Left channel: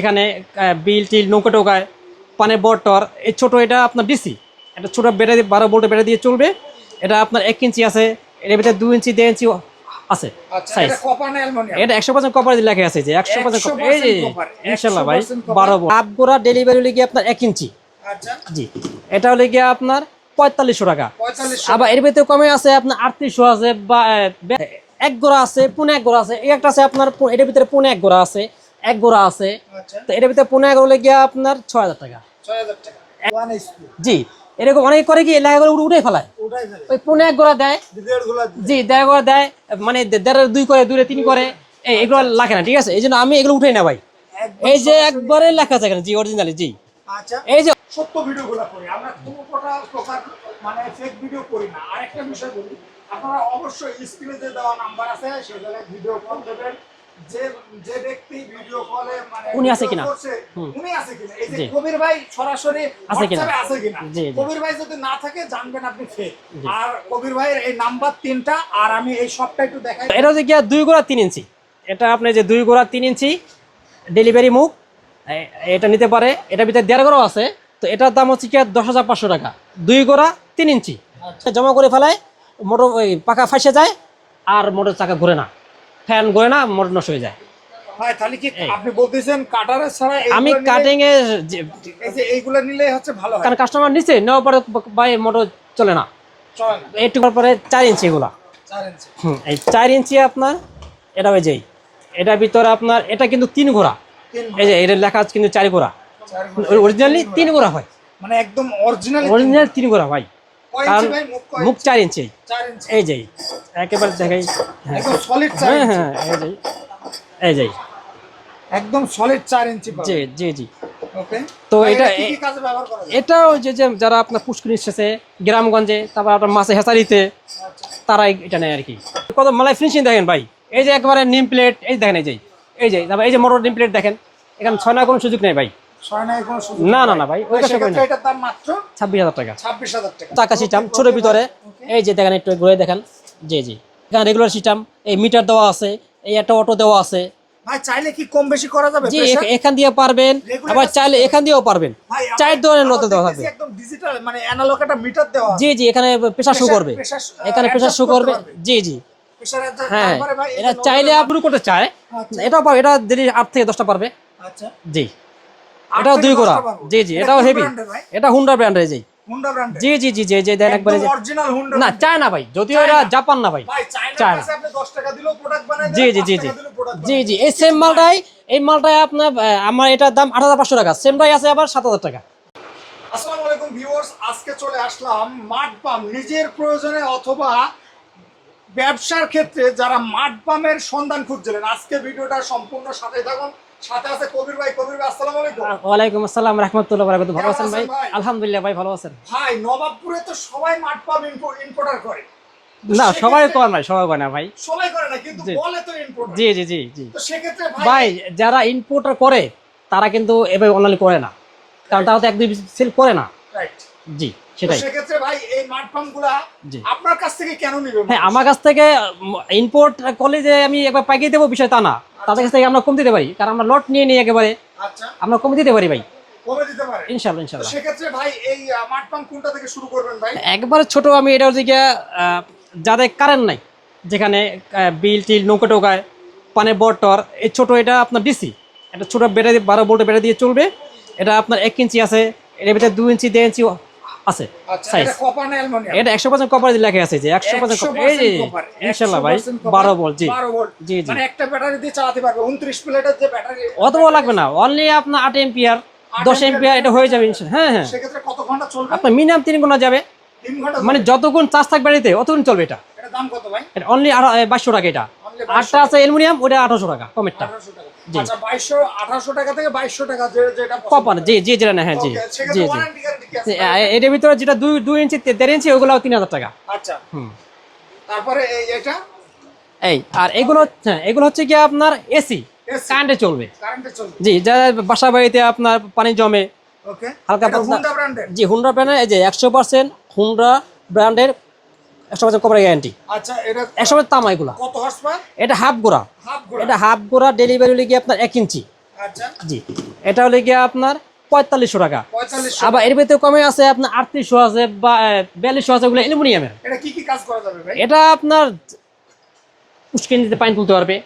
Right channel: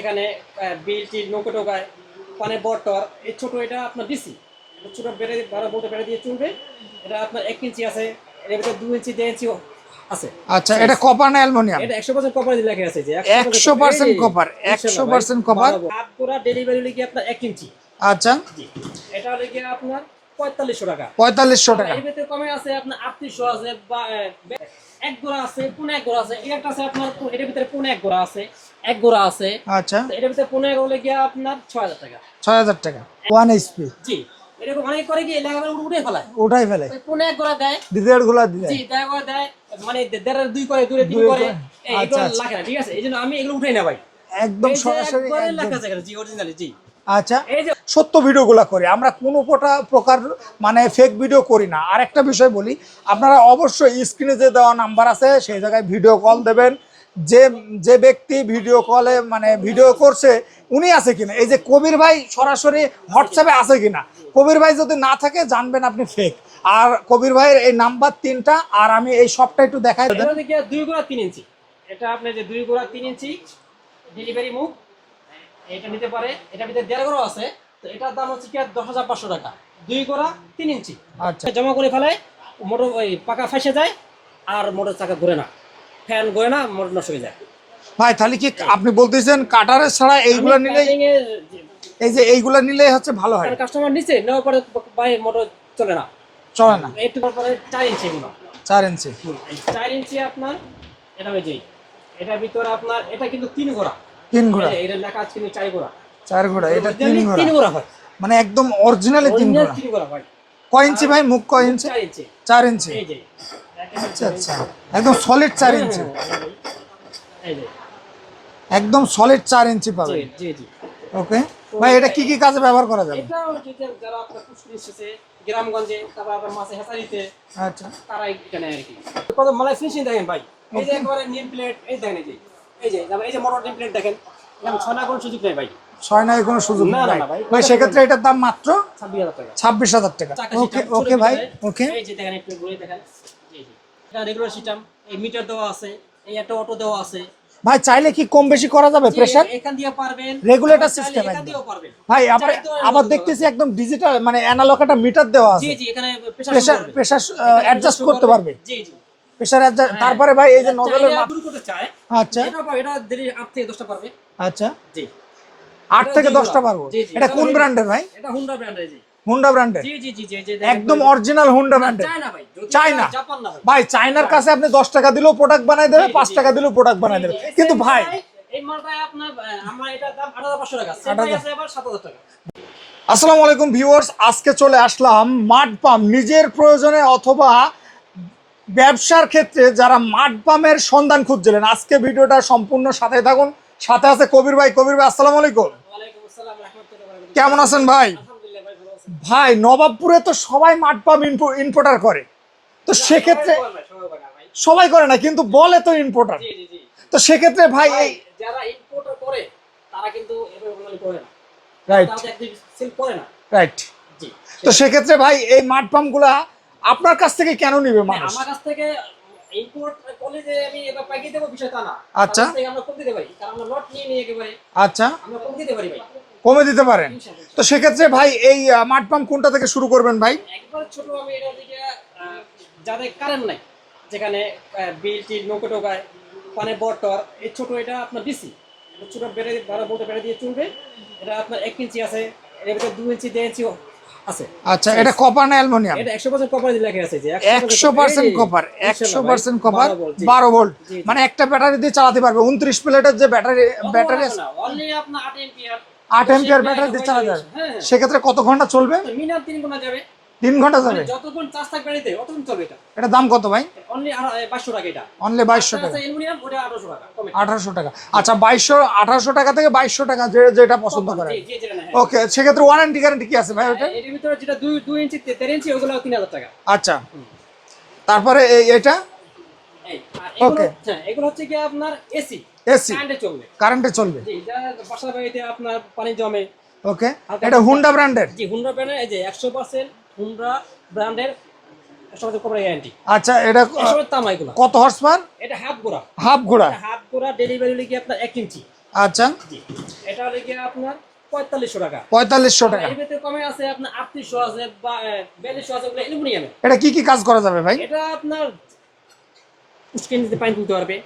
এখানে বিল টিল নৌকা টোকায় পানের বটর এই ছোট এটা আপনার ডিসি। এটা ছোটো ছোট বেড়ে বারো ভোল্টের বেড়ে দিয়ে চলবে। এটা আপনার এক ইঞ্চি আছে এর ভিতরে দু ইঞ্চি দেড় ইঞ্চি আছে। আচ্ছা এটা কপার না অ্যালুমিনিয়াম এটা একশো পার্সেন্ট কপার লেখা আছে যে 100% copper, 100% copper। হাফ গোড়া ডেলিভারি হলে গিয়ে আপনার এক ইঞ্চি? আচ্ছা। জি। এটা হলে গিয়ে আপনার পঁয়তাল্লিশশো টাকা। পঁয়তাল্লিশশো আবার এর ভিতরে কমে আছে আপনার আটত্রিশশো আছে বা এক গোড়া আছে পুনে এক গোড়া আছে। এই একটা আছে আপনার এটার ভিতরে পুনে এক গোড়া আছে। এক গোড়া আছে। আচ্ছা। তো এটার ভিতরে পুনে এক হলে গিয়ে আপনার ছয় হাজার টাকা। ছয় হাজার টাকা। ওয়ান এইচপি জি। এরকম অনেক করে কি এলাকা করে উঠে ফেলায়? উঠাই ফেলে। ওই পুনে এক গোড়া দেয়। গুলা দিলে জি দেড় করে দেয় মানে দেড় দুই করে দুই তিন করে। এই এগুলো লাগে না ঠিক আছে? এই জন্য আমি এগুলো উঠে না ভাই। এই যে একবারে। লেখা এখানে জি অরিজিনালি জি। আচ্ছা। এই যে সত্য ভিডিওগুলো করি। আমরা কোনো কোটা প্রকার মানে ফেক ভিডিও করি না। আর একটা বিষয় বলি আপনারা অবশ্যই স্ক্রিনে যে দেওয়া নাম্বার আছে সেই জায়গায় ভিডিও কল দেবেন। যে যে ব্যক্তি ভিডিও কলে মানে ভিডিও করছে উনি আছে কিনা? এই যে কবির ভাই সরাসরি হোয়াটসঅ্যাপে আছে কিনা। কবির ভাই যদি না থাকে জানবেন আপনি ফেক আর কবির ভাইয়ের এই নাম্বার তিনটা আর আমি এই সবটা একটু দেখাই এটা হচ্ছে গিয়া দুই গোড়া তিন ইঞ্চি। এটা আপনি যে দুই গোড়া তিন ইঞ্চি ডেলিভারি মুখ এটা নিতে পারে। এটার ভিতরে দেড় গোড়া আছে। তো এটার দাম হচ্ছে কি দশ হাজার পাঁচশো টাকা। দুই গোড়া তিন ইঞ্চি। আচ্ছা। জমা করে ফেলায় মোটর ওই পাকা ফাঁসে যায় আর মোটর চাকা ঘুরে না। ফ্যান ঘুরে না মোটর নষ্ট হয়ে যায়। ভাই তাহলে কি আপনি বলতেছেন কাটারের ছাড়া আমি এইগুলা নিলে কাটিং এ এই যে এইগুলা নিলে হচ্ছে ভালো হয়। কারণ কাস্টমার নিচ্ছে নেওয়ার পরে ভাই মোটর চলে না। চলে না। একটু পরে চার ইঞ্চি এগুলা। চার ইঞ্চি এই চার ইঞ্চি আপনার এটা হয়ে যায়। এটার ভিতরে আপনার এটা কিন্তু তিন ঘোড়া। তিন এই ঘোড়া। যে এটা লেখা আছে কিন্তু চার ঘোড়া। চার ঘোড়া অরিজিনালি তিন ঘোড়া। হয়। মানে একদম অরিজিনালি তিন অরিজিনাল ঘোড়া। তিন ঘোড়া ভাই। কয় ইঞ্চি ভাই? মুখ কয় ইঞ্চি? এই যাই একেবারে জায়গায় একদম সলিড হ্যাঁ ইঞ্চি। হ্যাঁ এই যাই একদম সলিড ইঞ্চি পাবে জি জি জি। ওকে তো এটা কি কি কাজে ব্যবহার করা যায়? এটা ওই যে যারা আপনার পুষ্করি এসেছে গ্রামগঞ্জে তারপর আপনার মাছে হেসারিতে আচ্ছা। তারাই এটা নেয় আর কি। কত মালাই ফিনিশিং দেখেন ভাই। এই যে একবারে নিম প্লেট এই দেখেন এই যে এই যে এই যে মোটর নিম প্লেট দেখেন এখানে ছয় না কোনো সুযোগ নেই ভাই। ছয় নাই কোনো সুযোগ না, না, না ভাই, ভাই সেক্ষেত্রে এটার দাম মাত্র ছাব্বিশ হাজার টাকা। ছাব্বিশ হাজার টাকা। চাকা সিস্টেম ছোট ভিতরে এই যে দেখেন একটু ঘুরে দেখেন। জি জি। এখানে রেগুলার সিস্টেম এই মিটার দেওয়া আছে এই একটা অটো দেওয়া আছে। ভাই চাইলে কি কম বেশি করা যাবে প্রেসার এখান দিয়ে পারবেন আবার চাইলে এখান দিয়েও পারবেন। ভাই চার ধরনের আবার দেওয়া দেখতেছি একদম ডিজিটাল মানে অ্যানালগ একটা মিটার দেওয়া আছে। জি জি এখানে প্রেসার শো করবে। এখানে প্রেসার শো করবে। জি জি। প্রেসার তারপরে ভাই এটা চাইলে আপনি করতে চায়। আচ্ছা। এটা দিনে আট থেকে দশটা পারবে। আচ্ছা। জি। আট দুই গোড়া? জি জি এটাও হেভি ভাই? এটা হুন্ডা ব্র্যান্ডের জি। হুন্ডা ব্র্যান্ডের জি জি জি জি জি একদম অরিজিনাল হুন্ডা না ব্র্যান্ডের চায় না ভাই চায়না। এটা জাপান না ভাই। ভাই চায়নার কাছে আপনি 10 টাকা দিলেও প্রোডাক্ট বানায় দেবে জি, জি, 5 টাকা দিলেও প্রোডাক্ট জি বানায় জি দেবে এই সেম মালটাই এই মালটাই আপনার আমার এটার দাম আট হাজার পাঁচশো টাকা। সেম প্রাইস আছে আবার সাত হাজার টাকা। আসসালামু আলাইকুম ভিউয়ার্স আজকে চলে আসলাম মাড পাম্প নিজের প্রয়োজনে অথবা ব্যবসার ক্ষেত্রে যারা মাড পাম্পের সন্ধান খুঁজছিলেন আজকে ভিডিওটা সম্পূর্ণ সাথে থাকুন। সাথে আছে কবির ভাই। কবির ভাই আসসালামু আলাইকুম। ওয়ালাইকুম আসসালাম রহমতুল্লাহ বারাকাতুহু। কেমন আছেন ভাই? আলহামদুলিল্লাহ ভাই ভালো আছেন। ভাই নবাবপুরে তো সবাই ইম্পোর্টার করে। সবাই সেক্ষেত্রে করে না সবাই করে না ভাই। সবাই করে না কিন্তু বলে তো ইম্পোর্টার জি জি জি জি। তো সেক্ষেত্রে ভাই ভাই যারা ইম্পোর্টার করে তারা কিন্তু এভাবে অনলাইন করে না। তারা তো এক দুই সেল করে না। রাইট জি। তো। সেক্ষেত্রে ভাই এই মাড পাম্পগুলা। আপনার কাছ থেকে কেন নিবে হ্যাঁ আমার কাছ থেকে ইম্পোর্ট করলে যে আমি একবার পাইয়ে দেবো বিষয় তা না। তাদের কাছ থেকে আমরা কম দিতে পারি কারণ আমরা লট নিয়ে নিই একেবারে। আচ্ছা। আমরা কম দিতে পারি ভাই। কমে দিতে পারেন। ইনশাল্লাহ তো সেক্ষেত্রে ভাই এই মাড পাম্প কোনটা থেকে শুরু করবেন ভাই? একবারে ছোট আমি এটা হচ্ছে গিয়া যাদের কারেন্ট নাই যেখানে বিল টিল নৌকা টোকায় পানের বটর এই ছোট এটা আপনার ডিসি এটা ছোট বেড়ে বারো ভোল্টের বেড়ে দিয়ে চলবে। এটা আপনার এক ইঞ্চি আছে এর ভিতরে দু ইঞ্চি দেড় ইঞ্চি আছে। আচ্ছা এটা কপার না অ্যালুমিনিয়াম এটা একশো পার্সেন্ট কপার লেখা আছে যে একশো পার্সেন্ট কপার একশো পার্সেন্ট কপার বারো ভোল্ট জি। বারো ভোল্ট জি, জি। মানে একটা ব্যাটারি দিয়ে চালাতে পারবে উনত্রিশ প্লেটের যে ব্যাটারি অত লাগবে না অনলি আপনার আট এম্পিয়ার দশ এম্পিয়ার এটা হয়ে যাবে হ্যাঁ হ্যাঁ। সেক্ষেত্রে কত ঘণ্টা চলবে? মিনিমাম তিন ঘণ্টা যাবে। তিন ঘণ্টা মানে যতক্ষণ চার্জ থাকবে অতক্ষণ চলবে এটা। এটা দাম কত ভাই? এটা অনলি বাইশশো টাকা এটা। অনলি বাইশশো আছে অ্যালুমিনিয়াম ওটা আঠারোশো টাকা কমে আঠারোশো টাকা। আচ্ছা বাইশশো আঠারোশো টাকা থেকে বাইশশো টাকা যেটা পছন্দ জি জি যেটা না হ্যাঁ ওকে সেক্ষেত্রে। ওয়ারেন্টি গ্যারান্টি কি আছে এটার ভিতরে যেটা দুই দুই ইঞ্চি দেড় ইঞ্চি ওগুলো তিন হাজার টাকা। আচ্ছা। তারপরে এই এটা এই আর এগুলো. হ্যাঁ এগুলো হচ্ছে কি আপনার এসি এসি কারেন্টে চলবে। কারেন্টে চলবে। জি যারা বাসা বাড়িতে আপনার পানি জমে। ওকে এটা হুন্ডা ব্র্যান্ডের জি হুন্ডা ব্র্যান্ডের এই যে একশো পার্সেন্ট হুন্ডা ব্র্যান্ডের একশো পার্সেন্ট কভার গ্যারান্টি আচ্ছা এটা একশো পার্সেন্ট তামা এগুলো কত হর্স পাওয়ার এটা হাফ গোড়া। হাফ ঘোড়া এটা হাফ গোড়া ডেলিভারি হলে গিয়ে আপনার এক ইঞ্চি। আচ্ছা। জি। এটা হলে গিয়ে আপনার পঁয়তাল্লিশশো টাকা। পঁয়তাল্লিশশো আবার এর ভিতরে কমে আছে আপনার আটত্রিশশো আছে বা বিয়াল্লিশশো আছে ওগুলো অ্যালুমিনিয়ামের এটা কি কি কাজ করা যাবে ভাই? এটা আপনার দিতে পানি তুলতে পারবে।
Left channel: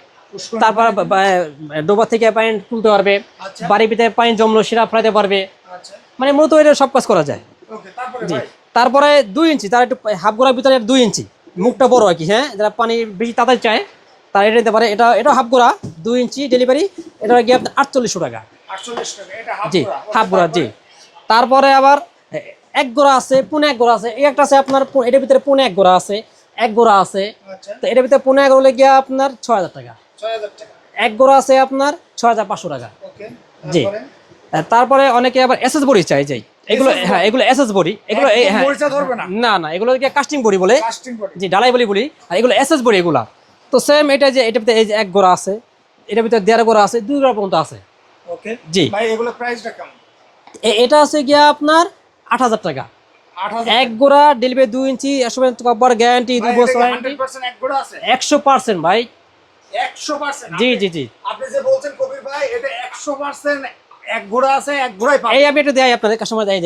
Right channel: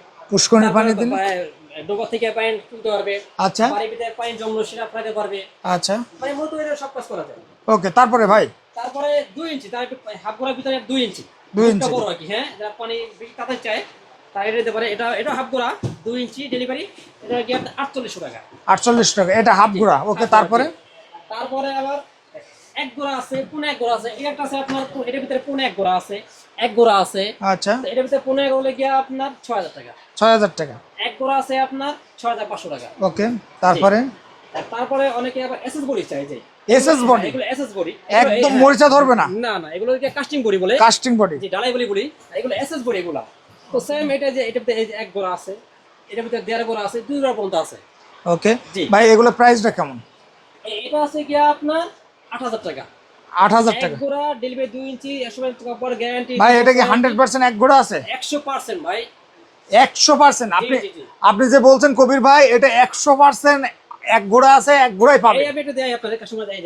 ডোবা থেকে পানি তুলতে পারবে। আচ্ছা। বাড়ির ভিতরে পানি জমলো সেটা ফেলাতে পারবে। আচ্ছা। মানে মূলত এটা সব কাজ করা যায়। ওকে তারপরে ভাই? তারপরে দুই ইঞ্চি তার একটু হাফ গোড়ার ভিতরে দুই ইঞ্চি। মুখটা বড় আর কি হ্যাঁ? যারা পানি বেশি তাড়াতাড়ি চায় তারা এটা দিতে পারে। এটা এটা হাফ গোড়া দুই ইঞ্চি ডেলিভারি এটা গিয়ে আপনার আটচল্লিশশো টাকা। আটচল্লিশ টাকা এটা হাফ গুড়া হাফ গোড়া জি। তারপরে আবার এক গোড়া আছে পুনে এক গোড়া আছে এই একটা আছে আপনার এটার ভিতরে পুনে এক গোড়া আছে এক গোড়া আছে। আচ্ছা। এটার ভিতরে পুনে এক গোড়া গিয়ে আপনার ছয় হাজার টাকা। ছয় হাজার টাকা। এক গোড়া আছে আপনার ছয় হাজার পাঁচশো টাকা। ওকে তারপরে? তারপরে অনেকে আবার এসএস বড়ি চাই যাই। এগুলো হ্যাঁ এসএস বড়ি এগুলো হ্যাঁ, মরিচা ধরবে না। না না এগুলো কাস্টিং বড়ি বলে। কাস্টিং বডি জি ডালাই বলি বলি। আর এগুলো এসএস বড়ি এগুলা। তো সেম এটা যে এটার ভিতরে এই যে এক গোড়া আছে এটার ভিতরে দেড় গোড়া আছে দুই গোড়া পর্যন্ত আছে। ওকে জি। ভাই এগুলো প্রাইসটা কেমন? এটা আছে গিয়া আপনার আট হাজার টাকা। এক গোড়া ডেলিভারি দুই ইঞ্চি গ্যারান্টি হান্ড্রেড পার্সেন্ট এক গোড়া আছে? একশো পার্সেন্ট ভাই। একশো পার্সেন্ট জি জি জি। আপনি যে বলছেন কবির ভাই এটা একশো পার্সেন্ট এক গোড়া আছে এক গোড়াই পাবে। এই আমি এটা দেয় আপনাদের কাস্টমার দেয়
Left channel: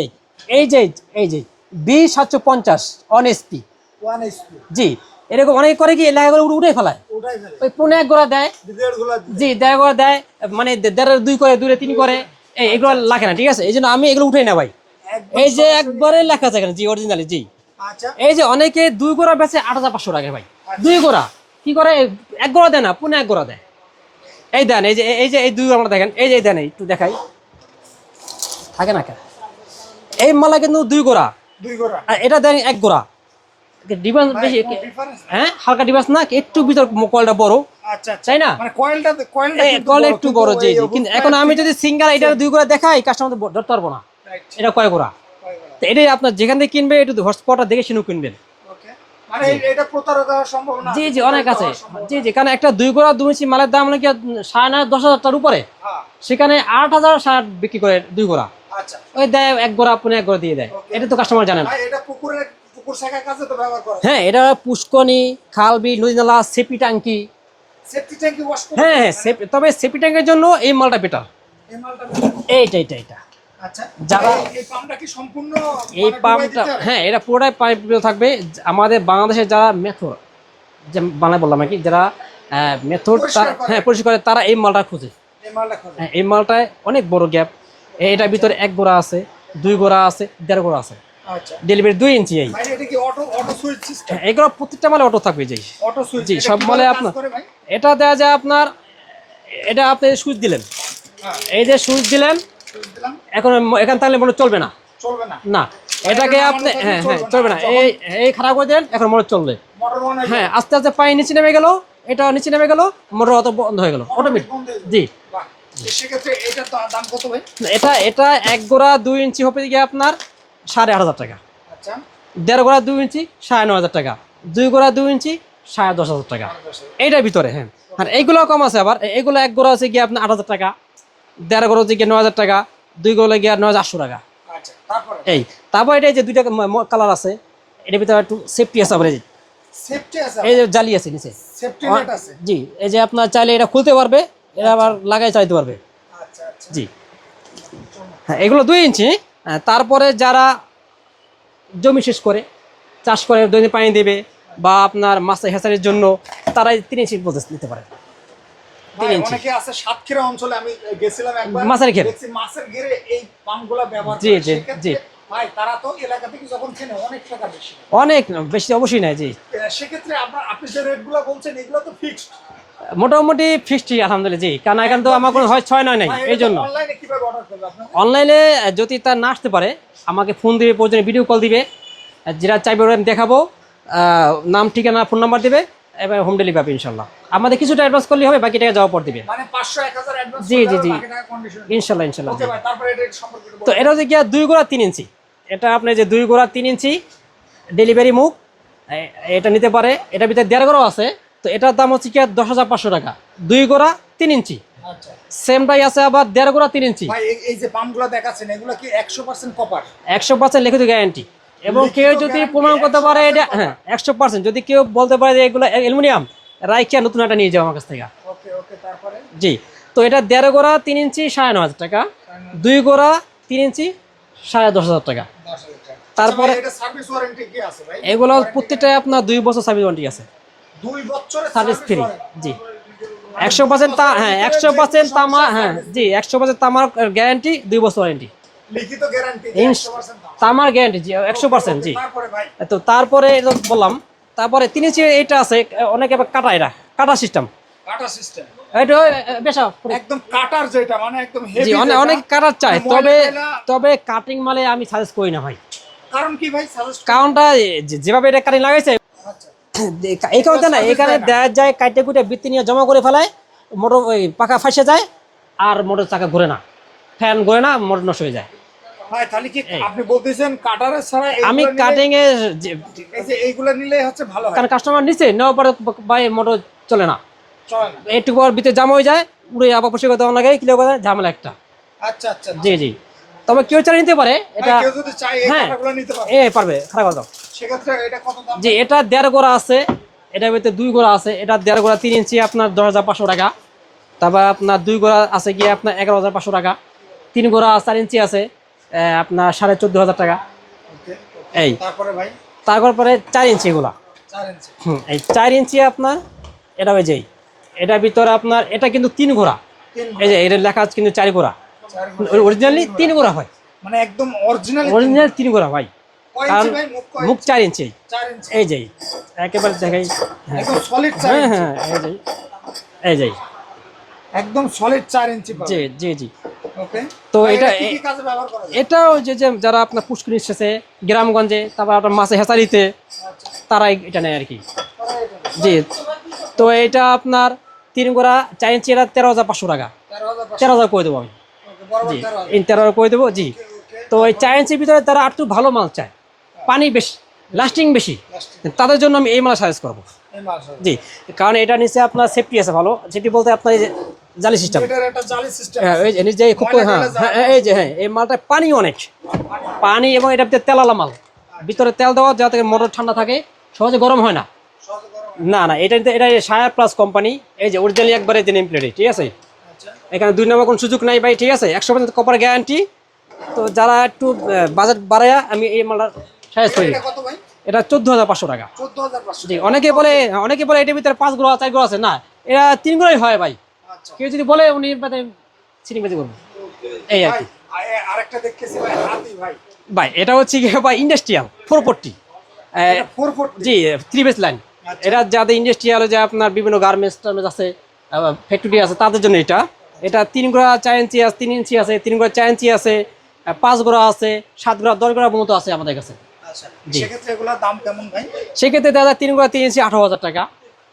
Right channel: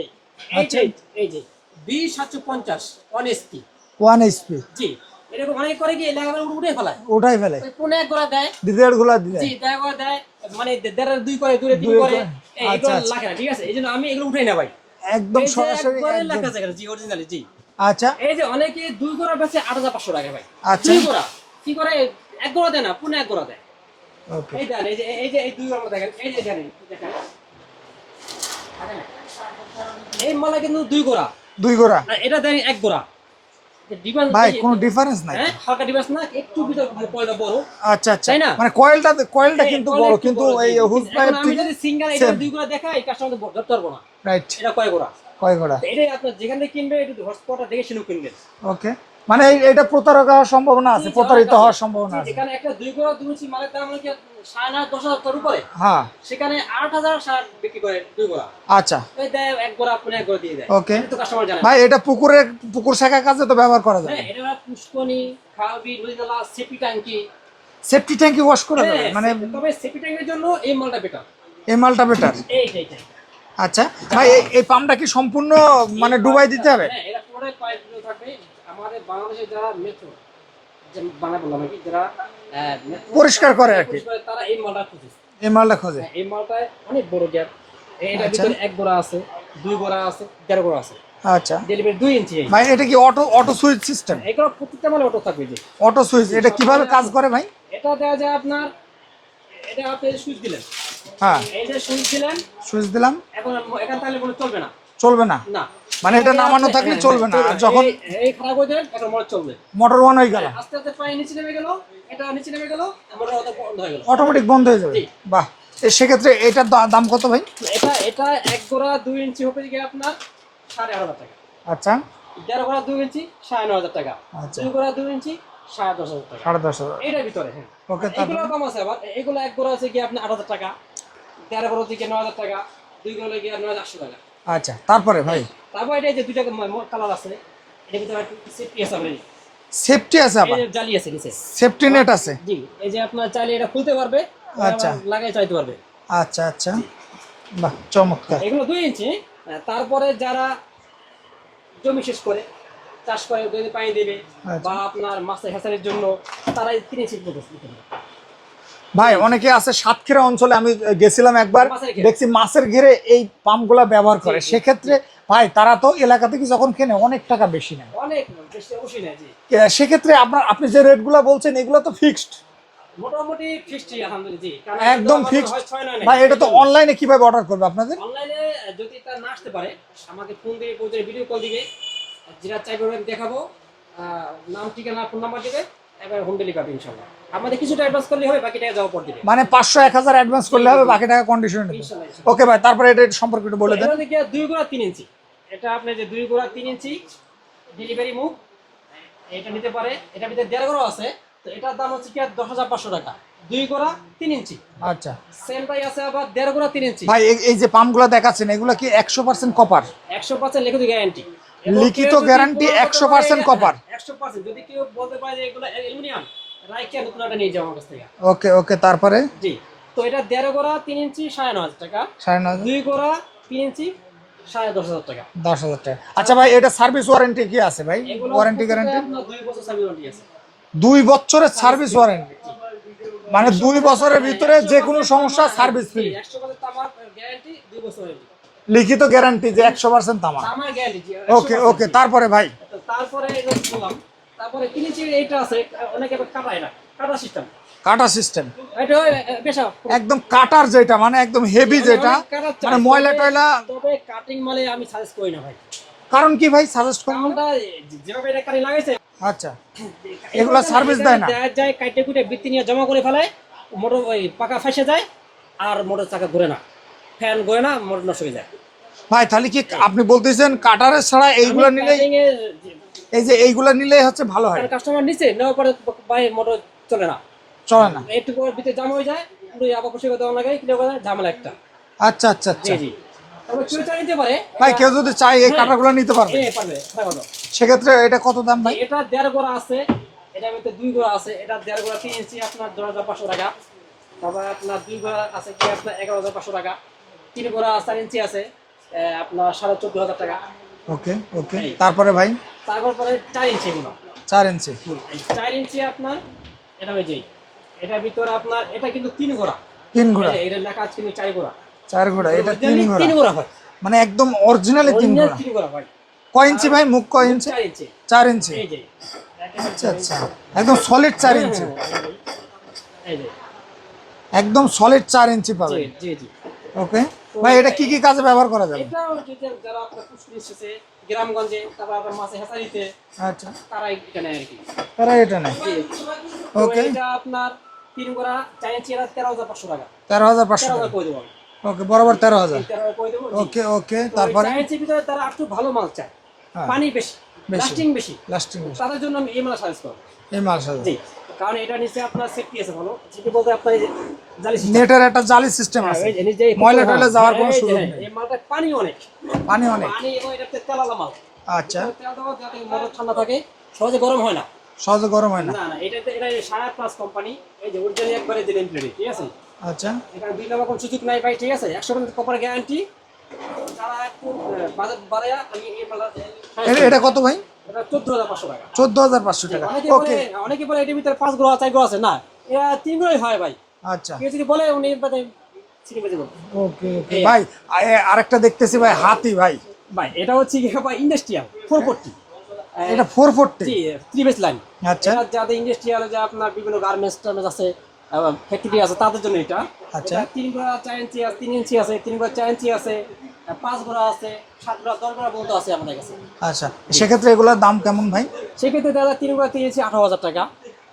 এই যে এই যে বি সাতশো পঞ্চাশ অন এসপি ওয়ান এইচপি জি এরকম অনেক করে কি এলাকাগুলো উঠে ফেলায়। ওটাই ফেলে। ওই পনেরো এক গোড়া দেয়। গুলা জি দেড় দেয় মানে দেড় দুই করে দুই তিন করে। এই এগুলো আচ্ছা, লাগে না ঠিক আছে? এই জন্য আমি এগুলো উঠাই না ভাই এই যে একবারে লেখা এখানে জি অরিজিনালি জি। আচ্ছা। এই যে অনেকে দুই গোড়া বেচে আট হাজার পাঁচশো টাকা ভাই। আচ্ছা। দুই গোড়া কি করে? এক গোড়া দেয় না পুনে এক গোড়া দেয়. এই দেন এই যে এই যে এই দুই আমরা দেখেন এই যে দেন এই একটু দেখাই। থাকে না কেন? এই মালা কিন্তু দুই গোড়া। দুই গোড়া। আর এটা দেন এক গোড়া। ডিফারেন্স ভাই কোনো ডিফারেন্স নাই। হ্যাঁ হালকা ডিফারেন্স না একটু ভিতর বড়। আচ্ছা আচ্ছা। তাই না? মানে কয়েলটা কয়েলটা কিন্তু বড় একটু বড়। হুক কিন্তু এখন আমি যদি সিঙ্গেল এটা দুই গোড়া দেখাই কাস্টমার ধরতে পারব না। রাইট এটা কয় গোড়া? কয় গোড়া? এটাই আপনার যেখান থেকে কিনবে একটু হটস্পটটা দেখে শুনে কিনবেন। ওকে মানে এটা প্রতারক হওয়ার সম্ভাবনা জি জি অনেক আছে। জি জি কারণ একটা দুই গোড়া দুই ইঞ্চি মালের দাম নাকি সাড়ে দশ হাজার টাকার উপরে? হ্যাঁ। সেখানে আট হাজার ষাট বিক্রি করে দুই গোড়া আচ্ছা। ওই দেয় এক গোড়া পুনে এক গোড়া দিয়ে দেয়. এটা তো কাস্টমার জানে ভাই এটা পুকুরের পুকুর শেখার কাজে তো ব্যবহার করা হ্যাঁ এটা পুষ্কনি খাল বিল নদী নালা সেপি ট্যাঙ্কি। সেফটি ট্যাঙ্কি ওয়াশ করে হ্যাঁ মানে তবে সেপি ট্যাঙ্কের জন্য এই মালটা বেটার এই মালটা বেটার এইটা এইটা এইটা। আচ্ছা এই- পাম্পটা কি সম্পূর্ণ মানে ডুবাই দিতে হবে? হ্যাঁ এটা পুরোটাই পাইপ থাকবে। আমাদের বাংলাদেশের যারা মেথড যে বাংলায় বললাম আর কি যারা মেথড পরিষ্কার করে পরিষ্কার করে তারা এই মালটা খুঁজে। এই মালটা খোঁজে? হ্যাঁ, এই মালটায় অনেক বড় গ্যাপ। এটার ভিতরে এক গোড়া আছে দুই গোড়া আছে দেড় গোড়া আছে। আচ্ছা। ডেলিভারি দুই ইঞ্চি এই। ভাই এটা কি অটো অটো সুইচ সিস্টেম? হ্যাঁ, এগুলো প্রত্যেকটা মালে অটো থাকবে যে অটো সুইচ এটা কীভাবে কাজ করে ভাই? এটা দেওয়া যায় আপনার এটা আপনি সুইচ দিলেন। হ্যাঁ। এই যে সুইচ দিলেন সুইচ দিলাম। এখন তাহলে মনে চলবে না। চলবে না। না। এটা এটাকে নামানো আপনি- থাকলে হ্যাঁ, চলবে হ্যাঁ, না। চলবে আর না যখন- এই- এই খারাপ করে দেন এখন মোটর চলবে। মোটর অন হয়ে হ্যাঁ আস্তে আস্তে পানি নিচে নেমে গেল এটা নিচে নেমে গেল মোটর অত বন্ধ হয়ে গেল। অটোমেটিক বন্ধ হয়ে যাবে। জি। বাহ। সেক্ষেত্রে এটার দাম কত ভাই? এটা এটা এক গোড়া দুই ইঞ্চি হবে গিয়ে আপনার সাড়ে আট হাজার টাকা। আচ্ছা। দেড় গোড়া দুই ইঞ্চি সাড়ে হাজার টাকা। দুই গোড়া দুই ইঞ্চি সাড়ে দশ হাজার টাকা। এইটার ভিতরে হ্যাঁ। এইগুলো কম আছে আবার। এগুলো এক গোড়া আছে গিয়ে আপনার আট হাজার টাকা। দেড় হচ্ছে গিয়ে নয় হাজার টাকা দুই গোড়া গিয়ে নয় হাজার আটশো টাকা। আচ্ছা তারপরে ভাই? তারপর এটা যে দুইটা কালার আছে এটার ভিতরে একটু সেফটি আছে আবার যে। সেফটি আছে এই যে জালি আছে নিচে। সেফটি নেট আছে? জি এই যে আপনার চাইলে এটা খুলতে পারবে আবার আচ্ছা। লাগাই চাইতে পারবে। আচ্ছা আচ্ছা। জি। বাহ চমৎকার। হ্যাঁ, এগুলো দুই ইঞ্চি হ্যাঁ, তারপরে যারা জমি শেষ করে চাষ করে দৈনিক পানি দেবে আচ্ছা। বা আপনার মাছ হেসারের জন্য তারা তিন ইঞ্চি পর্যন্ত নিতে পারে। ভাই অনেকে আছে সাতক্ষীরা অঞ্চলে আমি গেছিলাম একবার। মাছের ঘেরে। দেখছি মাছের ঘেরে এই পাম্পগুলা ব্যবহার করে। সেক্ষেত্রে ভাই তারা তো এলাকা থেকে যখন কেনে অনেক টাকা বেশি নেয়। অনেক বেশি অবশ্যই নাই জি। সেক্ষেত্রে আপনার আপনি যে রেটগুলো বলছেন এগুলো তো ফিক্সড মোটামুটি ফিক্সটি আলহামদুলিল্লাহ জি। কারণ এখন তো আমার কোনো হয় ছয় নয় নাই এই জন্য। অনলাইনে কীভাবে অর্ডার করবে আপনাদের? অনলাইনে যদি তার না আসতে পারে আমাকে ফোন দিবে প্রয়োজনে ভিডিও কল দিবে। যেটা চাইবে ওরা দেখাবো। নাম ঠিকানা ফোন নাম্বার দিবে। এবং হোম ডেলিভারি পাবে ইনশাল্লাহ আমাদের কিছুটা অ্যাডভান্স করলে হবে বাকি টাকা যাওয়ার পর দিবে। মানে পাঁচশো এক হাজার অ্যাডভান্স করলে হবে বাকি টাকা কন্ডিশন ওকে ভাই তারপরে এটা সম্পর্কে একটু তো এটা হচ্ছে গিয়া দুই গোড়া তিন ইঞ্চি। এটা আপনার যে দুই গোড়া তিন ইঞ্চি ডেলিভারি মুখ এটা নিতে পারে। এটার ভিতরে দেড় গোড়াও আছে। তো এটার দাম হচ্ছে কি দশ হাজার পাঁচশো টাকা। দুই গোড়া তিন ইঞ্চি। আচ্ছা। সেমটাই আছে আবার দেড় গোড়া তিন ইঞ্চি। ভাই এই- এই যে পাম্পগুলো দেখাচ্ছেন এগুলো কি একশো পার্সেন্ট কপার একশো পার্সেন্ট লিখিত গ্যারান্টি এবং কেউ যদি guarantee করতে পারে এটা- copper। একশো পার্সেন্ট। যদি কেউ বলতে পারে যে এগুলো অ্যালুমিনিয়াম রাইকিয়া নতুন একটা নিয়ে যাও আমার কাছ থেকে। ওকে ওকে তারপরে? জি। তো এটা দেড় গোড়া তিন ইঞ্চি সাড়ে ন হাজার টাকা। সাড়ে দুই গোড়া তিন ইঞ্চি সাড়ে দশ হাজার টাকা। দশ হাজার টাকা। আচ্ছা ভাই এটা সার্ভিস ওয়ারেন্টি কি আছে ভাই? এগুলো প্রত্যেকটা আপনার দুই বছর সার্ভিস ওয়ারেন্টি আছে। দুই বছরের সার্ভিস ওয়ারেন্টি জি। মানে একশো পার্সেন্ট হ্যাঁ তামা হ্যাঁ জি একশো পার্সেন্ট তামার গ্যারান্টি দুই বছর ওয়ারেন্টি লিখিত গ্যারান্টি যে একশো পার্সেন্ট তামা তামার গ্যারান্টি জি একশো ওকে পার্সেন্ট ওকে জি। তারপরে ভাই। তো তারপরে এটা বললাম তারপরে তিন ইঞ্চি এইটা আছে অনেকে কাটা এটা কাটা সিস্টেম কাটা সিস্টেম এটা বেশ একদম কাটার যেটা মানে একদম হেভি যেটা অনেক কাটার চাই। মানে তবে তবে কাটিং মালে আমি সাজেস্ট করি না ভাই। কারণ কি ভাই সাজেস্ট কারণটা যেভাবে এটা কাটিং লাগাইছে আচ্ছা। এই কারণে না এখানে দেয়া যায় কাটে কুটে বৃত্তি নিয়ে জমা করে ফেলায় মোটর পাকা ফাঁসে যায় আর মোটর চাকা ঘুরে না। ফ্যান ঘুরে না মোটর নষ্ট হয়ে যায়। ভাই তাহলে কি আপনি বলতেছেন কাটারের ছাড়া আমি এইগুলা নিলে কাটিং এ এই যে এইগুলা নিলে হচ্ছে ভালো হয়। কারণ কাস্টমার নিচে নেওয়ার পরে ভাই মোটর চলে না। চলে না। একটু পর ভিতরে জাম হয়ে যায় পুরো আবার পয়সা করতে লাগে কিলো করে ঝামেলা একটা। আচ্ছা আচ্ছা জি আচ্ছা। জি তবে কেউ চালিয়ে নিতে পারে ভাই এটা- কেউ যদি চাই এই হ্যাঁ। কাটাগুলো নিতে পারবে। এ পারবে খারাপ কথা। সেক্ষেত্রে এটা কত দাম যে ভাই? এটা দেড় গোড়া আছে এটার ভিতরে দুই গোড়া আছে এটা দেড় গোড়া তিন ইঞ্চি আপনার দশ হাজার পাঁচশো টাকা। তারপর আপনার দুই গোড়া আছে গিয়ে আপনার এগারো হাজার পাঁচশো টাকা। তিন গোড়া চার ইঞ্চি আছে আপনার সাড়ে চোদ্দ হাজার টাকা। ওকে ওকে। তারপরে ভাই? তারপর পরে চার ইঞ্চি এগুলা। চার ইঞ্চি। এই চার ইঞ্চি আপনার এটা ওই যেই এটার ভিতরে আপনার এটা কিন্তু তিন গোড়া তিন ঘোড়া। এটা লেখা আছে কিন্তু চার গোড়া চার ঘোড়া অরিজিনালি তিন গোড়া হয়। মানে একদম অরিজিনালি তিন অরিজিনাল ঘোড়া। তিন হয় কয় ইঞ্চি ভাই? মুখ কয় ইঞ্চি? চার ইঞ্চি। চার ইঞ্চি। এই যেই একেবারে জায়গায় একদম সলিড চার হ্যাঁ ইঞ্চি। হ্যাঁ এই যেই এই যেই একদম সলিড চার ইঞ্চি পাবে জি জি জি। ওকে তো তো এটা এটা- কি কি কাজে ব্যবহার করা যায়? এটাও যে যে যারা আপনার পুষ্করি এসেছে গ্রামগঞ্জে তারপর আপনার মাছে হেঁচারিতে আচ্ছা। তারাই এটা নেয় আর কি। তারা এটা নেই জি। তো এটা আপনার তিন গোড়া চার ইঞ্চি এটা তেরো হাজার পাঁচশো টাকা। তেরো হাজার তেরো হাজার করে দেবো আমি। ওকে বরাবর তেরো হাজার। তেরো হাজার করে দেবো জি। ওকে তো ওই চার ইঞ্চির ভিতরে তারা একটু ভালো মাল চায়। হ্যাঁ। পানি বেশি লাস্টিং বেশি। লাস্টিং তাদের জন্য আমি এই মাল সাজেস্ট করব। এই মাল জি। কারণ এটা নিচে আপনার সেফটি আছে ভালো। সেফটি বলতে আপনার জালি সিস্টেম নেটের একটা জালি সিস্টেম আছে। নিজে ময়লা টয়লা যাওয়ার এই যে হ্যাঁ এই মালটা পানি অনেক। পানি অনেক। পানি এবং এটা ভিতরে তেলালা মাল। আচ্ছা। ভিতরে তেল দেওয়া যাতে মোটর ঠান্ডা থাকে সহজে গরম হয় না। সহজে গরম হয় না। না এটা এটা সায়া প্লাস কোম্পানি এই যে অরিজিনালি একবারে যে নেম প্লেটে ঠিক আছে? আচ্ছা। এখানে দুই নম্বর কোনো সুযোগ নাই ভাই ঠিক আছে? একশো পার্সেন্ট কপার গ্যারান্টি তো যারা একটু বাজেট বাড়ায় আমি এই মালটা এটা কত ভাই? এটা চোদ্দ হাজার পাঁচশো টাকা। চোদ্দ হাজার পাঁচশো টাকা। অনেকে বলে অনেকে বলে এটার ভিতরে পাঁচ গ্রহ চার গ্রহ আছে। না এটা তিন গ্রহই হয় ভাই। আচ্ছা। কেউ যদি বলে উনি সিনেমাজি করব। ওকে আর ভাই আরেকটা দেখতেছি ভাই হাতি ভাই। ভাই এটা হচ্ছে কি ভাই ইন্ডাস্ট্রিয়াল ফোর ফোরটি এটা ফোর ফুট জি থ্রি বেস লাইন আচ্ছা। এটা যাদের ইন্ডাস্ট্রিয়াল যে আপনার বিভিন্ন গার্মেন্টস টার্মেন্টস আছে ফ্যাক্টরি আছে তাদের জন্য এটা। আচ্ছা। এটা তিন গোড়া চার ইঞ্চি আছে তিন ইঞ্চি আছে তিন গোড়া চার ইঞ্চি আছে পাঁচ গোড়া আছে সাত গোড়া দশ গোড়া মতো আছে আমাদের কাছে। আচ্ছা। সেক্ষেত্রে এগুলোর দাম কেমন ভাই? সেক্ষেত্রে দাদা তিন গোড়া তিন ইঞ্চি আঠারো হাজার টাকা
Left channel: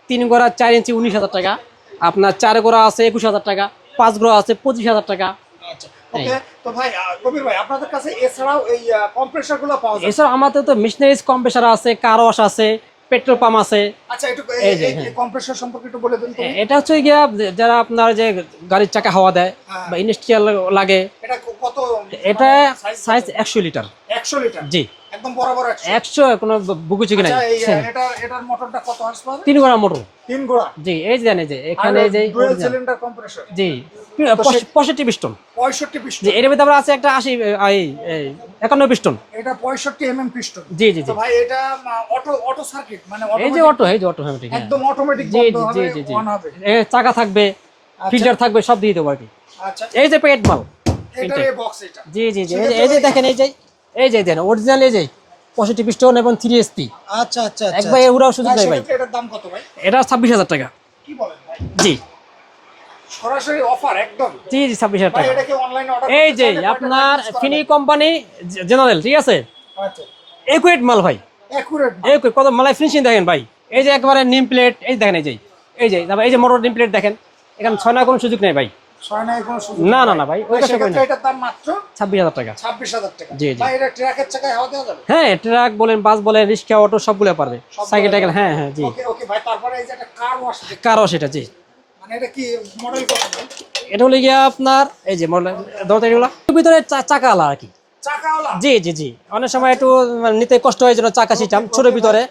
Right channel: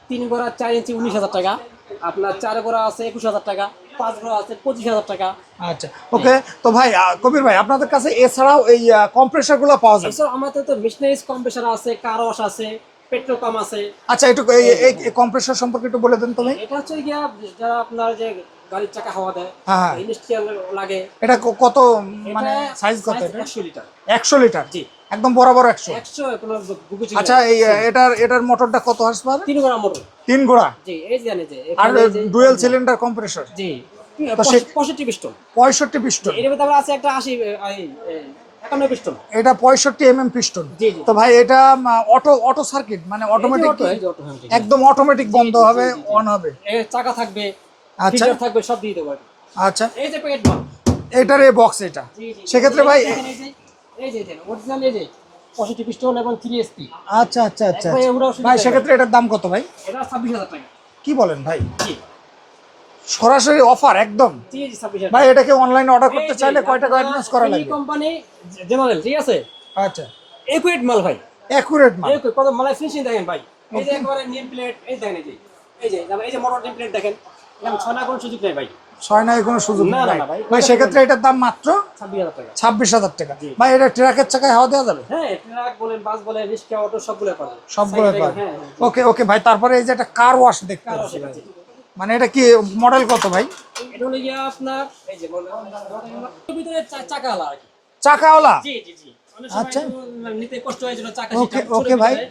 তিন গোড়া চার ইঞ্চি উনিশ হাজার টাকা আপনার চার গোড়া আছে একুশ হাজার টাকা পাঁচ গোড়া আছে পঁচিশ হাজার টাকা। আচ্ছা ওকে তো ভাই কবির ভাই আপনাদের কাছে এছাড়াও এই কম্প্রেসারগুলো পাওয়া যায়? এছাড়া আমাদের তো মেশিনারিজ কম্প্রেসার আছে কার ওয়াশ আছে পেট্রোল পাম্প আছে। আচ্ছা একটু এই কম্প্রেসার সম্পর্কে একটু বলে দেন এটা হচ্ছে গিয়া যারা আপনার যে গাড়ির চাকা হাওয়া দেয় হ্যাঁ, হ্যাঁ। ইন্ডাস্ট্রিয়াল লাগে এটা কত এটা সাইজ সাইজ একশো লিটার। একশো লিটার? জি। একদম বরাবর একশো। কোনো বুকু আচ্ছা এই এটার এটার মোটরটা কত হার্স তিন গোড়া মোটর। তিন ঘোড়া? জি এই যে জানে যে এখানে যে ডুয়েল সিলিন্ডার কম্প্রেসর জি। তো সে- পঁয়ষট্টি পিস্টন পঁয়ষট্টি জি পিস্টন এর ভিতরে আবার আছে একটা আশি এই, এই, একান্ন পিস্টন এটা পঁয়ষট্টি এম এম পিস্টন জি জি। তো ভাই এটা অটো অটো সার্কিট মানে অটোমেটিক অটো এই যে অটো হ্যাঁ একদম অটোমেটিক বন্ধ হবে। অন হবে। চাকা থাকবে আচ্ছা। ফিচার থাকবে সব দিয়ে দেবো আর কি। আচ্ছা। এই যে পেট মাল এটার এই বক্স এটা। জি জি জি। সেক্ষেত্রে ভাই দেখেন এই যে এই যে দেন অরিজিনাল এই যে পঁয়ষট্টি পিস্টন এবং থ্রি এসপি আচ্ছা আচ্ছা আচ্ছা। এগুলোও ভাই দেয় ভাই। সেক্ষেত্রে এটার দাম কত ভাই? এটা ছাব্বিশ হাজার টাকা। কি বলেন ভাই? জি। সরাসরি অফার একদম? জি জি ছাব্বিশ হাজার ভাই টাকা। এটাকে অনলাইনে অর্ডার করতে চাইলে কয় টাকা অ্যাডভান্স করা কোম্পানি জেনারেল ঠিক আছে? আচ্ছা। একুয়েট মাল ভাই। অ্যাকুরেট এই কত মালাই ফিনিশিং দেখেন ভাই। এই যে একবারে নিম প্লেট এই দেখেন এই যে এই যে এই যে মোটর নিম প্লেট দেখেন। এখানে ছয় না কোনো সুযোগ নেই ভাই। ছয় নাই কোনো সুযোগ না, না, না, ভাই, ভাই সেক্ষেত্রে এটার দাম মাত্র ছাব্বিশ হাজার টাকা। ছাব্বিশ হাজার টাকা। ভাই এটা ট্রাকের চাকায় হাওয়া দেওয়া যাবে? হ্যাঁ ট্রাক বলেন বাস বলেন রিক্সা অটো সবগুলো পারবে। সাইকেল হ্যাঁ হ্যাঁ ওকে ওকে ভাই তারপরে এই যে একটা কার ওয়াশ দেখতে কারও সেটা জি। মানে এটা কি মডেল কত ভাই? এটা হলো গিয়া আপনার এই যে মডেল ভিতরে চা- চাকা আলা আর কি। চাকাওয়ালা? জি জি জি। অনেক সময় একটু মানে নিতে কষ্ট হয়ে চাকা সিস্টেম ছোট ভিতরে।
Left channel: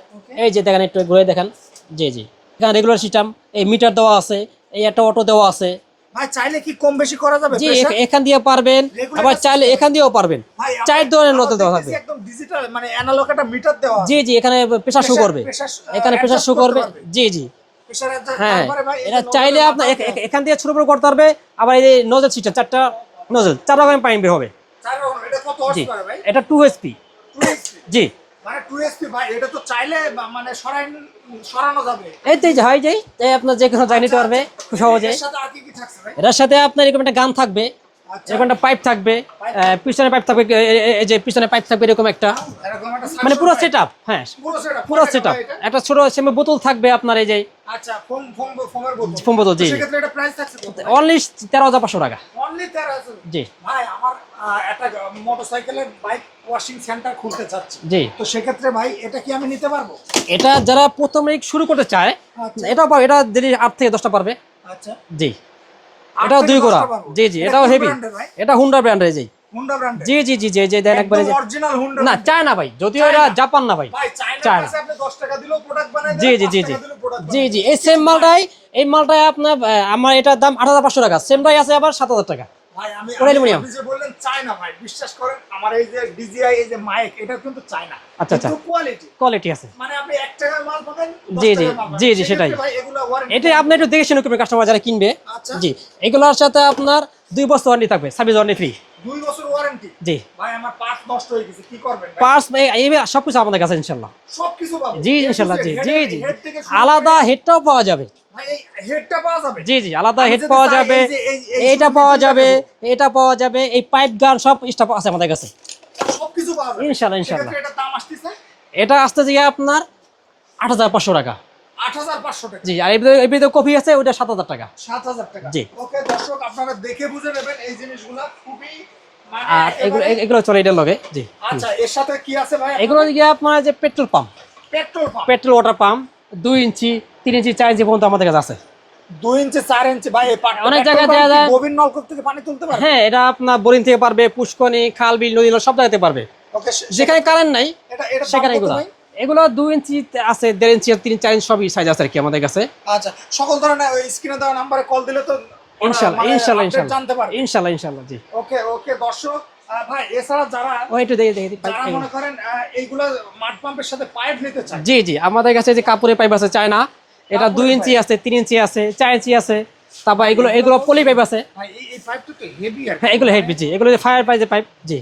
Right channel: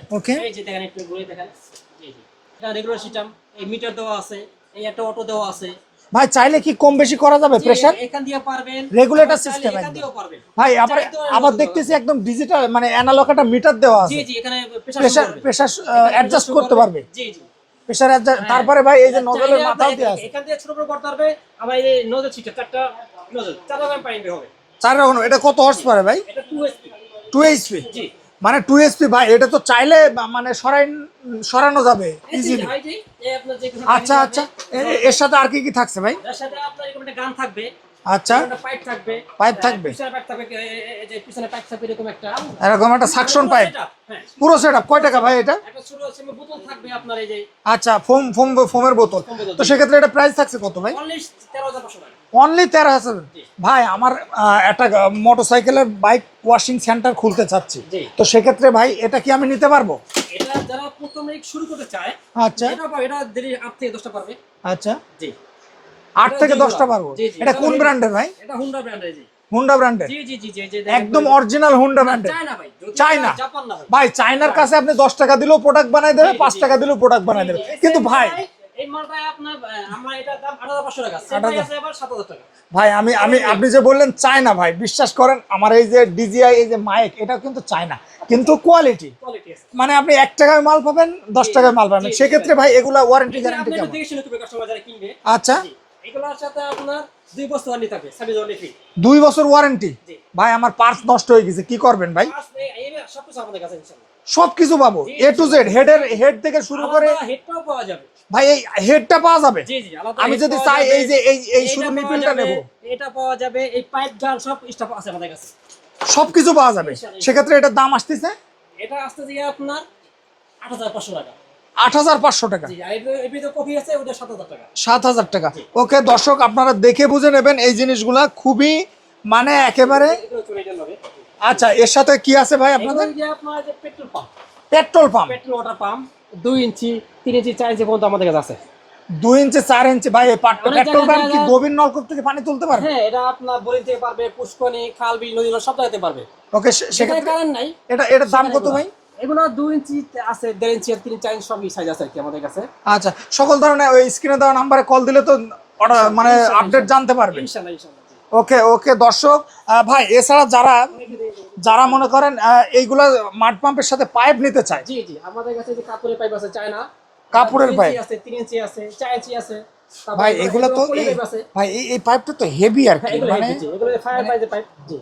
এই যে দেখেন একটু ঘুরে দেখেন। জি জি। এখানে রেগুলার সিস্টেম এই মিটার দেওয়া আছে এই একটা অটো দেওয়া আছে। ভাই চাইলে কি কম বেশি করা যাবে? প্রেসার এখান দিয়ে পারবেন। আবার চাইলে এখান দিয়েও পারবেন। ভাই চার ধরনের আবার দেওয়া দেখতেছি আছে। একদম ডিজিটাল মানে অ্যানালগ একটা মিটার দেওয়া আছে। জি জি এখানে প্রেসার শো করবে। আহ, এখানে প্রেসার adjust শো করবে। জি জি। প্রেসার হ্যাঁ। তারপরে ভাই এই যে চাইলে আছে। এখান দিয়ে ছোট বড় করতে পারবে আবার এই যে নজল সিস্টেম চারটা নজল চার রকমের পানি বের হবে। চার রকম এটা কত হর্স পারে ভাই? এটা টু এইচপি টু এইচপি জি। মানে টু এইচপি ভাই এটা তো চাইলে মানে সরাই সরানো যাবে এই যে Easily। হয় যে এই আপনার যে কোনো জানি আচ্ছা, পারবে আচ্ছা। সহজে এর সাথে আর কি কি থাকছে ভাই এর সাথে আপনার এরকম একটা গান থাকবে আচ্ছা। একটা পাইপ থাকবে। Pipe আহ, থাকবে। পিছনে পাইপ থাকবে এ- এ- এই যে পিছনে পাইপ থাকবে এরকম একটা। এরকম একটা মানে সাকশন পুরো সেটআপ হ্যাঁ। পুরো সেটআপ কয় টাকা ভাই এটা? একটা ছোট সেমে বোতল থাকবে আপনার এই যে। আচ্ছা ফোম ফোম ফোমের বোতল। ফোম বোতল, জি। সেক্ষেত্রে এটা প্রাইস থাকছে কত ভাই? অনলি টাকা। জি। ভাই আমার একটা মোটরসাইকেলের বাইক ওয়াশিং সেন্টার খুলতে চাচ্ছি। জি। তো সেক্ষেত্রে ভাই এটা কি আমি নিতে পারব? এটা যারা প্রথমে শুরু করতে চায় আচ্ছা। এটা এটা যদি আট থেকে দশটা পারবে। আচ্ছা। জি। আট দুই গোড়া। জি জি এটা এটাও হেভি এটা হুন্ডা ব্র্যান্ডের জি। হুন্ডা ব্র্যান্ডের জি জি জি জি জি দেন একদম অরিজিনাল হুন্ডা না চায়না ভাই যদি এটা জাপান না ভাই। ভাই চায়নার কাছে আপনি 10 টাকা দিলেও প্রোডাক্ট বানায় জি, জি, 5 টাকা দিলেও প্রোডাক্ট জি বানাই জি দেবে এই সেম মালটাই এই মালটা আপনার আমার এটার দাম আট হাজার পাঁচশো টাকা সেমটাই আছে আবার সাত হাজার টাকা। ভাই আমি আপনি যে বললেন চায়না ভাই বিশ্বাস করেন আমার এই যে ডিজিআই এই যে মাইক এটা কিন্তু চায়না। আচ্ছা, কিন্তু কোয়ালিটি কোয়ালিটি আছে। মানে আপনি এক টাকায় মাল পাবেন দশ টাকায় মাল পাবেন। সেক্ষেত্রে ভাই এগুলা ওয়ারেন্টি এটা আপনি একটু দেখে শুনে কাস্টমার যারা কিনবে। আচ্ছা। জি এগুলোর সাথে আপনার দুই বছর ওয়ারেন্টি থাকবে সার্ভিস ওয়ারেন্টি ফ্রি দুই বছর ওয়ারেন্টি জি। ভাই আমার পার্স নষ্ট হয়ে গেছে কি করবেন ভাই? পার্স এই সব কিছু আমাদের কাছে ইনশাল্লাহ সবকিছু পাবো জি জি। হেড থেকে শুরু আলাদা হেডটাও পাওয়া যাবে। ভাই এই হেডটা পাওয়া যাবে? জি জি আলাদা হেড পাওয়া যাবে। এই যে এই- এই এটা পাওয়া যাবে এটা পাওয়া যাবে এই পাইপ গান সব স্টাফ আছে আমাদের কাছে। সবকিছু পাওয়া যাবে। ইনশাল্লাহ। সেক্ষেত্রে এটার দাম আসতেছে? এটা আসতে গিয়ে আপনার আট হাজার পাঁচশো টাকা। আট হাজার পাঁচশো টাকা। জি আর এর কপি আছে ওটা সাত হাজার টাকা। সাত হাজার টাকা। ওকে দর্শক আপনারা দেখে বুঝে নেবেন এই জিনিসগুলা খুবই মানে একেবারে এগুলো- এগুলো চলে এটার লগে জি। আচ্ছা এর সাথে কি আছে ভাই এগুলো আপনার যে petrol pump. Petrol pump. Petrol water pump দুই ইঞ্চি তিন ইঞ্চি চার ইঞ্চি পর্যন্ত আমাদের কাছে আছে। দুই ইঞ্চি চার ইঞ্চি ভাই অনেক জায়গায় নলকূপ থেকে পানি তুলতে পারবে? হ্যাঁ এটা আপনার বোরিং থেকে পারবে পুষ্কনি খাল বিল নদী সব জায়গাতে পারবে। ওকে সেখানে কারেন্ট নাই। এটা এটা দাম কত ভাই? এগুলো দুই ইঞ্চি আছে দেড় ইঞ্চি তিন চার ইঞ্চি সবই সাইজ আছে আর কি আমাদের কাছে। আচ্ছা সকল ধরনের ওই স্ক্রিনে দেওয়া নাম্বারে কল দিলে তো মানে আপডেট জানতে পারবে। ইনশাল্লাহ ইনশাল্লাহ জি। ওকে ওকে দর্শক ভাই এছাড়া যারা একটু দেখে দেখে দেখে- যারা মনে করেন এইগুলো মাড পাম্পের সাথে পাইপ নিতে চায়। জি জি আমাদের কাছে যে কাপড়ের পাইপ আছে এটা ইঞ্চি আছে তিন ইঞ্চি আছে চার ইঞ্চি আছে। তারপর এগুলো এগুলো এগুলো পলি পাইপ আছে। ভাই এই পাইপটা তো হেভি আর হ্যাঁ এগুলো হেভি জি। এগুলো ফায়ার পাইপ জি।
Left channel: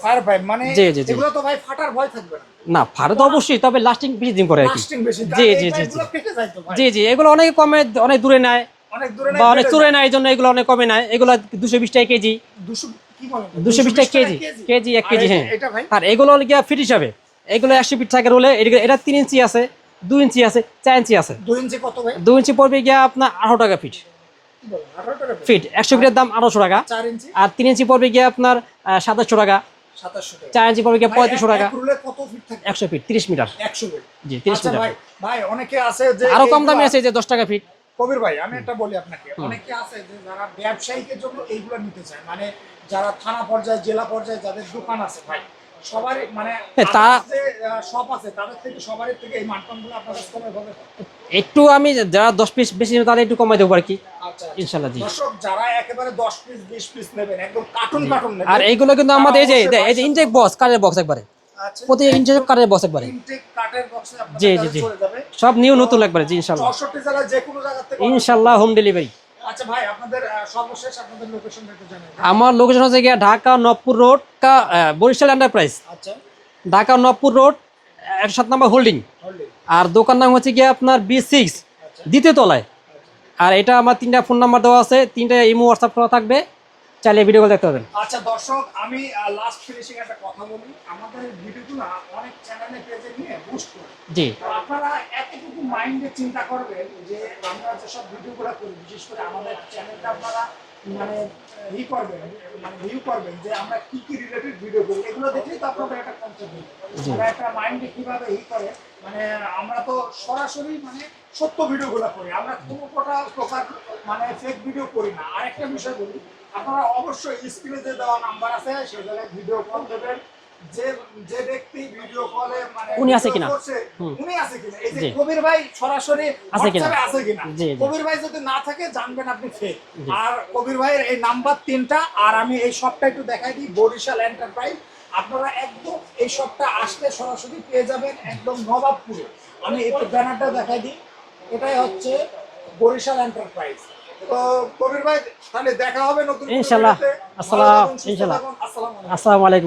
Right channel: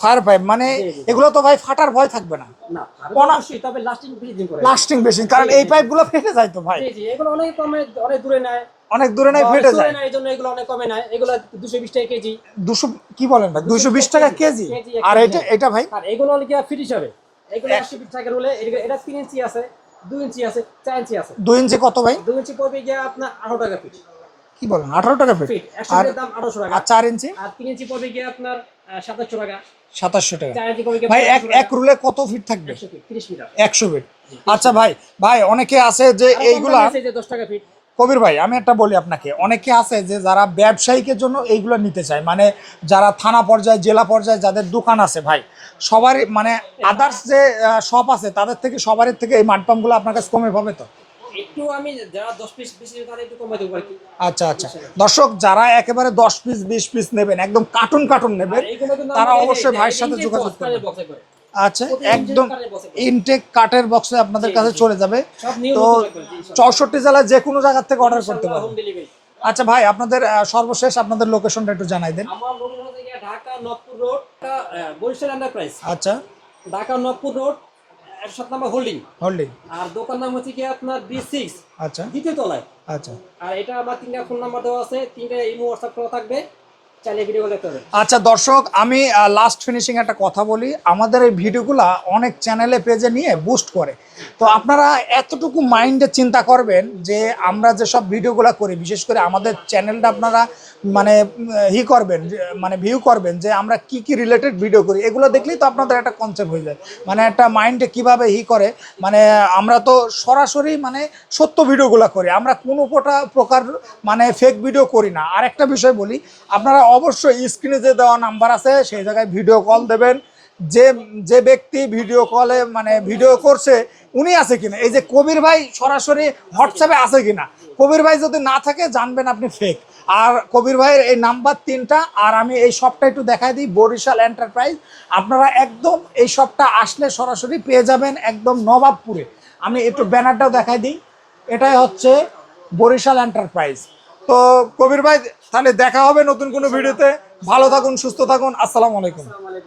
ফায়ার পাইপ মানে। এগুলো তো ভাই ফাটার ভয় থাকবে না। না ভারত পনা- অবশ্যই তবে লাস্টিং বেশি দিন করে লাস্টিং বেশি কারণ এই পাইপগুলো ফেটে যায় তো ভাই। জি জি এগুলো অনেক কমে অনেক দূরে নেয়। অনেক দূরে নাই অনেক দূরে নেয় এই এগুলো অনেক কমে নেয়। এগুলো দুশো বিশ টাকা কেজি। দুশো কি বলেন ভাই? 220 টাকা কেজি। কেজি? এক কেজি, এটা- হ্যাঁ। ভাই? আর এগুলো গিয়া ফিট হিসাবে। এগুলো একশো ফিট থাকে রোলে এটা তিন ইঞ্চি আছে দুই ইঞ্চি আছে চার ইঞ্চি আছে। দুই ইঞ্চি কত ভাই? দুই ইঞ্চি পড়বে গিয়া আপনার আঠারো টাকা ফিট কি বলেন? আঠারো টাকা ফিট ফিট একশো ফিটের দাম আঠারোশো টাকা। আর চার ইঞ্চি? আর তিন ইঞ্চি পড়বে গিয়ে আপনার সাতাশশো টাকা। সাতাশশো টাকা। চার ইঞ্চি পড়বে এক- রুলে কত ফিট থাকবে? একশো ফিট তিরিশ মিটার একশো ফিট আচ্ছা ভাই ভাই অনেকে আছে যে আরও কম দামে আছে যে দশ টাকা ফিট কবির ভাই আমি একটা বলি আপনাকে। অনেকে আছে যে যারা ব্যবসায়িকের জন্য এইগুলো নিতে চায় মানে যারা থানা পর্যায়ে জেলা পর্যায়ে যাদের দোকান আছে ভাই সবারই মানে যে শপ আছে তাদের থেকে সবার থেকে এই মাঠপাম্পগুলো আপনার কাছে কমে পাবে তো? একটু আমি যারা দশ পিস বেশি নেবে তাদের একটু কমাই দেবো আর কি। আচ্ছা আচ্ছা। দর্শক যারা একেবারে দশ পিস বিশ পিস নেবেন একদম কার্টুন কার্টুন নেবেন আর এইগুলো কিন্তু আমাদের এই যে বক্স। কারের বক্স একবারে। আচ্ছা প্রতি বক্স একবারে। ইনটেক কাটের বক্সে আপনাদের কাছে চলে যাবে। সব নিউ তো নতুন একবারে জি ইনশাল্লাহ। চৌষট্টি জেলায় যে কোনো জায়গা থেকে হোম ডেলিভারি আচ্ছা ভাই আপনাদের সর্বশেষ আপনাদের লোকেশনটা একটু জানাই দেন। আমার লোকেশন হচ্ছে গিয়ে ঢাকা নবপুর রোড বরিশাল এন্টারপ্রাইজ আচ্ছা। ঢাকা নবপুর রোড সাত নম্বর হোল্ডিং হোল্ডিং আর দোকান নাম হচ্ছে গিয়ে আপনার বি সিক্স আচ্ছা। দ্বিতীয় তলায়। আচ্ছা। আর এটা আমার তিনটা ফোন নাম্বার দেওয়া আছে তিনটা ইমো হোয়াটসঅ্যাপ করা থাকবে। চাইলে ভিডিও কল দেখতে আচ্ছা দর্শক আমি লাস্ট ফিনিশিং একটা কথা বলি। আমাদের এই ভিডিওগুলা অনেক চ্যানেলে পেজে নিয়ে বুস্ট করে। তো আপনারা এতটুকু মাইন্ডে চিন্তা করবেন যে আমরা যে সব ভিডিওগুলো করি বিশেষ করে আমাদের চ্যানেলটা আপনারা মানে হি করবেন মানে ভিউ করবেন যে আমরা কি কি রিলেটেড ভিডিও করি। এগুলো দেখলেই তো আপনাদের একটা কনসেপ্ট হয়ে যায়। মানে একটা মাইন্ডে কীভাবে হি করে মানে আমরা তো সরাসরি মানে সত্য ভিডিওগুলো করি। আমরা কোনো কোটা প্রকার মানে ফেক ভিডিও করি না। আর একটা বিষয় বলি আপনারা অবশ্যই স্ক্রিনে যে দেওয়া নাম্বার আছে সেই জায়গায় ভিডিও কল দেবেন। যে যে ব্যক্তি ভিডিও কলে মানে ভিডিও করছে উনি আছে কিনা? এই যে কবির ভাই সরাসরি হোয়াটসঅ্যাপে আছে কিনা। কবির ভাই যদি না থাকে জানবেন আপনি ফেক আর কবির ভাইয়ের এই নাম্বার তিনটা আর আমি এই শপটা একটু দেখাই দিই বরিশাল এন্টারপ্রাইজ আপনারা একদম এই শপটা আসলে সরাসরি পেয়ে যাবেন একদম নবাবপুরে। আমি একটু ব্যানারটাও দেখাই দিই। এটাই হচ্ছে বরিশাল এন্টারপ্রাইজ তো কবির ভাই তাহলে দেখা হবে নতুন কোনো ভিডিওতে ভালো থাকুন সুস্থ থাকুন। আসসালামু আলাইকুম। আসসালামু আলাইকুম।